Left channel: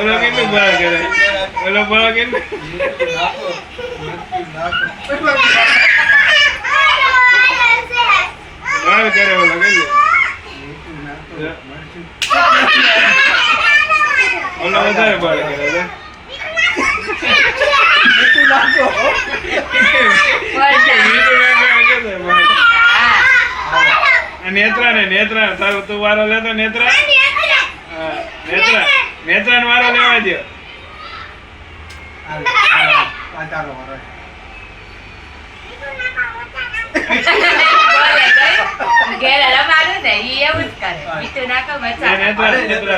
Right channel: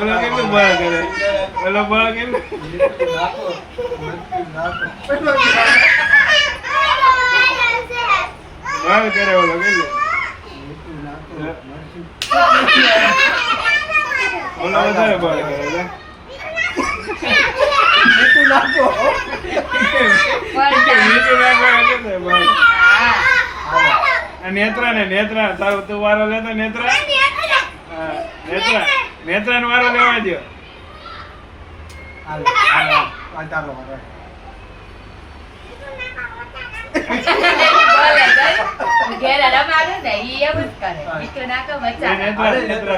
ઓલો કેટલું બળ કરે ઓલો બળ કેટલું બળ કરે ઓલો કેટલું ઓલો વધારે બળ કરે મીઠું નાખો નેત્રા તારું તું વારો લેતો નેત્રા નેત્રા નો વારો લેવા દો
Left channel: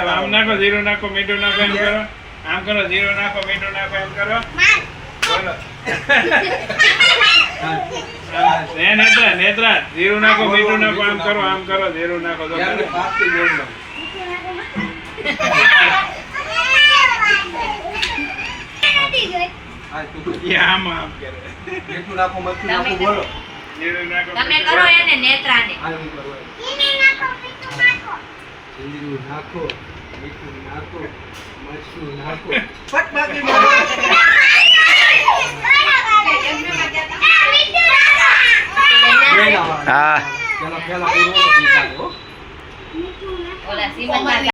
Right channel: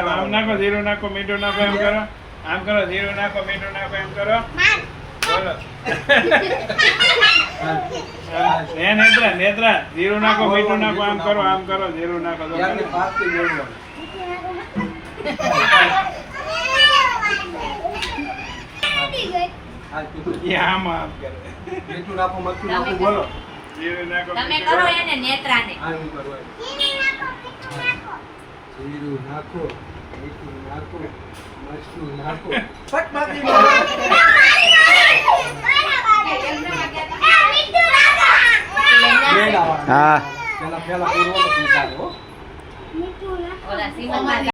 આમ નાખો જીરું નાખો મીઠું નાખો એમ કરો આમ કરો જીરું નાખો મીઠું નાખો એમ કરો બોલો નેત્રા જીરું નાખો મીઠું નાખો આમ કરો જીરું નાખો તમે કરો એને નેત્રાને જીરું નાખો મીઠું નાખો મરચું નાખો હા પેલા પૂરો